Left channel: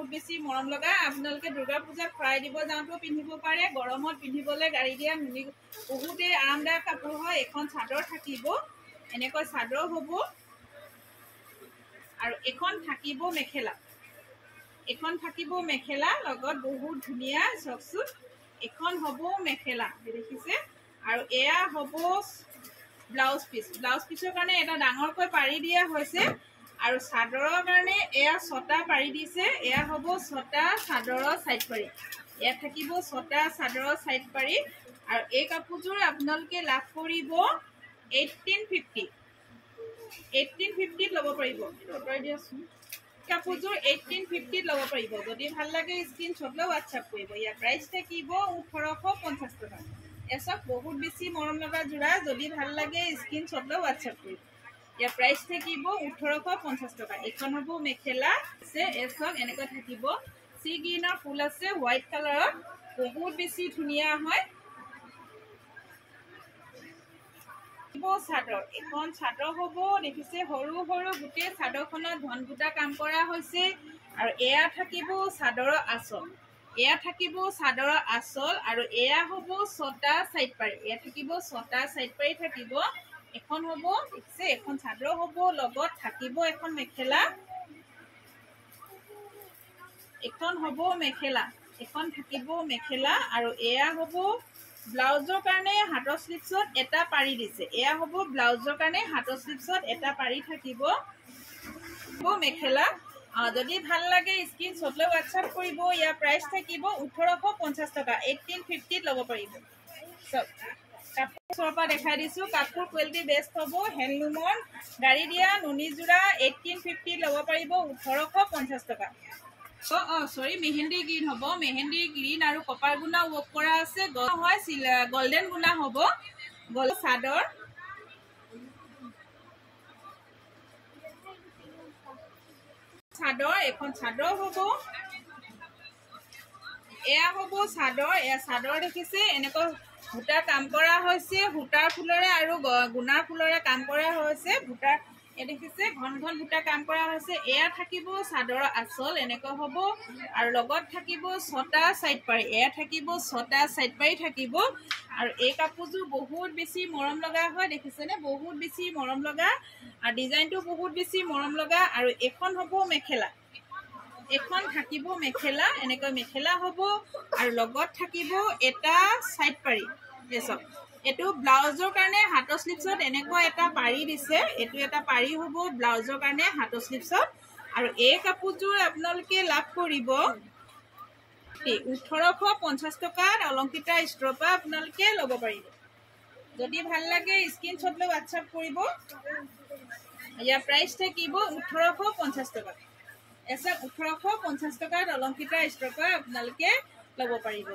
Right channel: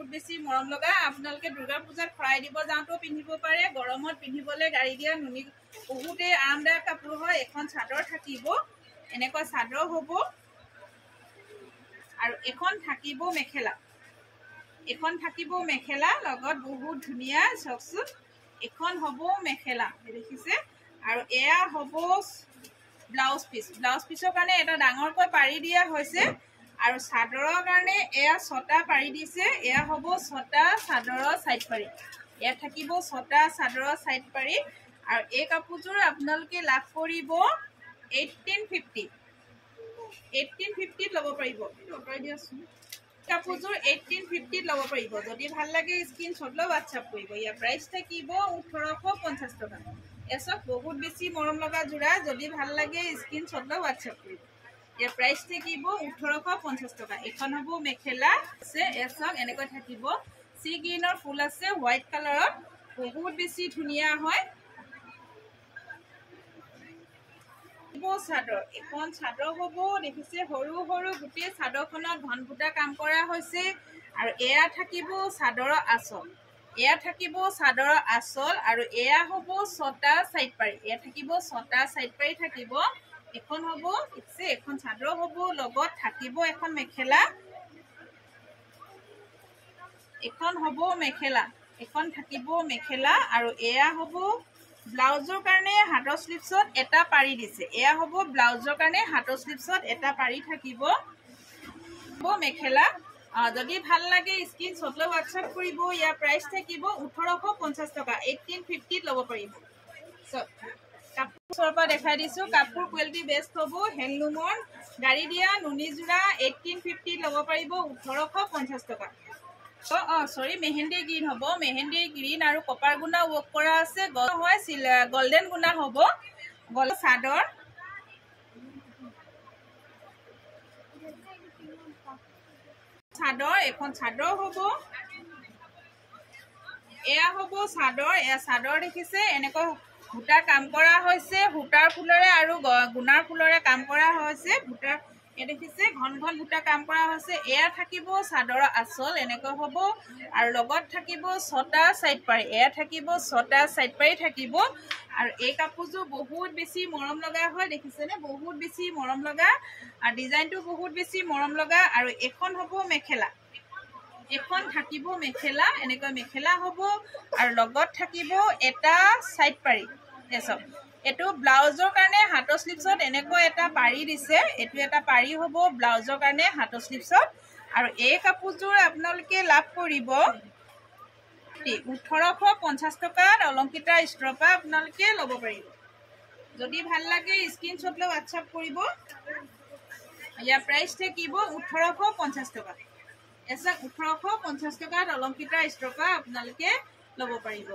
বহুত বেছি মৰম লগা আপোনালোকে দুৰ্গা পূজাত খৰাই দিব যাওঁতেও পিন্ধিব পাৰে গৰমত পিন্ধিবলৈ গাড়ী দিয়া নুনি বহুতে আৰামদায়ক কাপোৰ হয় এখন চাদৰ থাকিব এনেকৈ চাদৰ হ'ব আৰু এখন থাকিব মেখেলা লগত বহুত ধুনীয়া চকচোন এখন হ'ব মেখেলা দেখিছে আৰু এয়া হ'ব ব্লাউজ পিছৰ কাৰণে এটা ডাঙৰকৈ পাৰি দিয়া হৈছে আৰু চাদৰৰ কাৰণে এয়া ছটা পাৰি দিছে এয়া হ'ব ছটা চাদৰৰ সাইড পাৰি এয়া থাকিব ছটা চাদৰৰ সাইড পাৰি আৰু এই কাপোৰযোৰ আপোনালোকে লাভ কৰিব 1850 ল'ব পাৰিব অতৰাই দিয়াচোন কাপোৰযোৰ 1850 ল'ব পাৰিব যদি ভাল লাগে স্ক্ৰীনশ্বট লৈ WhatsApp কৰিব ইয়াৰ প্ৰাইচ থাকিব 1850 টকা এসব বহুত বেছি মৰম লগা জোৰা যদি ভাল লাগে স্ক্ৰীনশ্বট লৈ WhatsApp কৰিব ইয়াৰ প্ৰাইচ থাকিব 1850 টকা এখন হ'ব মেখেলা আছে এসব এনেকৈ থাকিব সি গ্ৰীনৰ ফুল আছে হোৱাইট কালাৰত বহুত বেছি ধুনীয়া হয় চাদৰ এখন চাদৰ হ'ব দেখিছে সৰু সৰু গোটেই চাদৰখনত ঘন বুটা কাম কৰা হৈছে আৰু এয়া থাকিব চাদৰৰ আঁচল আৰু এয়া হ'ব ছটা সাইড পাৰি এয়া থাকিব ছটা সাইড পাৰি থাকিব এখন হ'ব দেখিছে এখন চাদৰ হ'ব লগত থাকিব এখন মেখেলা এখন হ'ব মেখেলা এখন থাকিব মেখেলা আৰু এয়া হ'ব ব্লাউজৰ কাৰণে হাতৰ স্লিপছত এটা পাৰি দিছে এয়া হ'ব ব্লাউজৰ কাৰণে হাতৰ স্লিপছত এটা পাৰি থাকিব মেখেলা যদি ভাল লাগে স্ক্ৰীনশ্বট লৈ WhatsApp কৰিব ইয়াৰ প্ৰাইচ থাকিব 1850 টকা 1850 ল'ব পাৰিব সব কাপোৰৰ পৰা দেখাই দিছো কাপোৰ কোৱালিটি বেষ্ট হ'ব হেণ্ডলুমৰ গাড়ী দিয়া নুনি জোৰা 1850 ল'ব পাৰিব 1850 টকা সৰি মেহেন্দি গ্ৰীণ হ'ব মেহেন্দি গ্ৰীণ আৰু কপাৰ গুণা ৱৰ্ক কৰা আছে হয় গোল্ডেন গুণা হ'ব চাদৰ এখন চাদৰ হ'ব এয়া হ'ব চাদৰ এয়া চাদৰ দেখিছে এনেকৈ সূতা কাম কৰা হৈছে সূতাৰ ফুলৰে আৰু গুণাৰ ফুলৰে কাম কৰা হৈছে সূতাৰ দেখিছে ঘন ঘন সূতা কাম কৰা হৈছে এয়া থাকিব চাদৰৰ আঁচল এনেকৈ হ'ব আৰু লগত থাকিব ছটা সাইড পাৰি এয়া থাকিব ছটা সাইড পাৰি থাকিব আৰু এই কাপোৰযোৰ বহুত বেছি মৰম লগা হয় দেখিছেনে বহুত বেছি মৰম লগা আৰু ডিজাইনটো বহুত বেছি মৰম লগা আৰু এখন হ'ব মেখেলা এখন থাকিব মেখেলা এনেকৈ মেখেলা হ'ব আৰু লগত থাকিব এটা সাইড পাৰি এসব এটো ব্লাউজৰ কাৰণে হাতৰ স্লিপছত এনেকৈ এটা পাৰি দিছে এটো এটা পাৰি হ'ব ব্লাউজৰ কাৰণে হাতৰ স্লিপছত আৰু এই কাপোৰযোৰ আপোনালোকে লাভ কৰিব 1850 টকাত অলংকিতা ষ্টৰৰ পৰা আপোনালোকে ল'ব পাৰিব যদি ভাল লাগে স্ক্ৰীনশ্বট লৈ WhatsApp কৰিব ইয়াৰ প্ৰাইচ থাকিব 1850 টকা এসব 1850 টকাত অলংকিতা ষ্টৰৰ পৰা আপোনালোকে ল'ব পাৰিব